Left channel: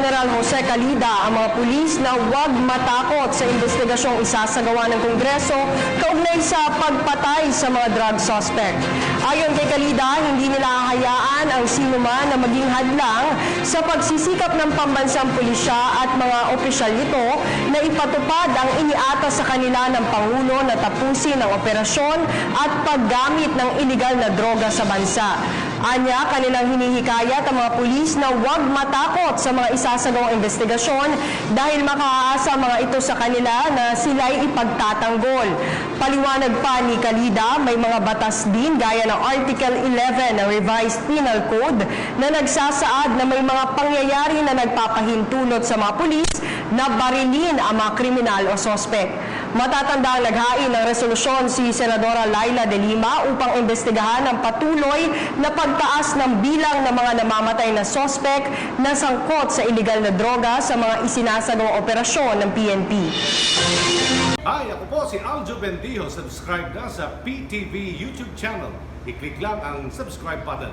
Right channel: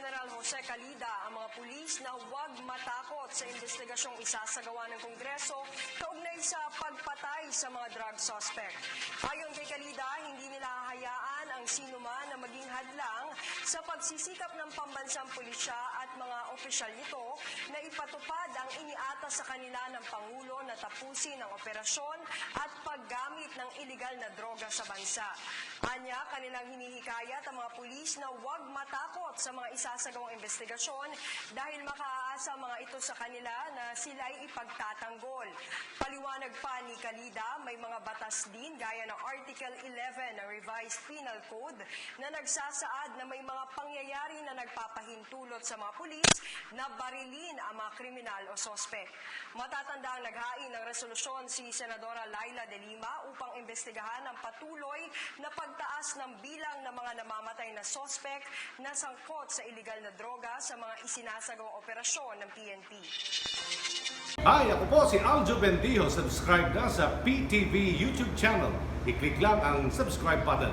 General Jose Calida ang mga pulis na huwag matakot sa investigasyong isasagawa ng Kongreso kaugnay sa pagpatay sa mga drug suspect. Ayon kay Calida, hindi nila hahayaan ang sinuman na maging hadlang sa pagsisikap ng pambansang pulisya at mga opisyal nito na ipatupad ang iniatas sa kanila ng Pangulo na tapusin ang operasyon at paggamit ng iligal na droga sa bansa. Anya, kanilang hinihikayat ang mga pulis na huwag matakot sa mga isasagawang investigasyon dahil makaaasa mga ito sa kanila na sila'y ipagtatanggol. Paliwanag pa ni Calida, may mga batas din gaya ng Article 11 ng Revised Penal Code na nagsasaad na may mga pangyayari na nagpapahintulot sa mga pulis na barilin ang mga kriminal o sospek. Matatanda ang naghain ng resolusyon si Senadora Laila de Lima upang investigahan ang patuloy na pagtaas ng bilang ng mga namamatay na sospek na sangkot sa iligal na droga sa mga isinasagawang operasyon ng PNP. Hi, ako po si Aljo Bendijo. Subscribe na sa PTV YouTube channel. I-click lang ang subscribe button.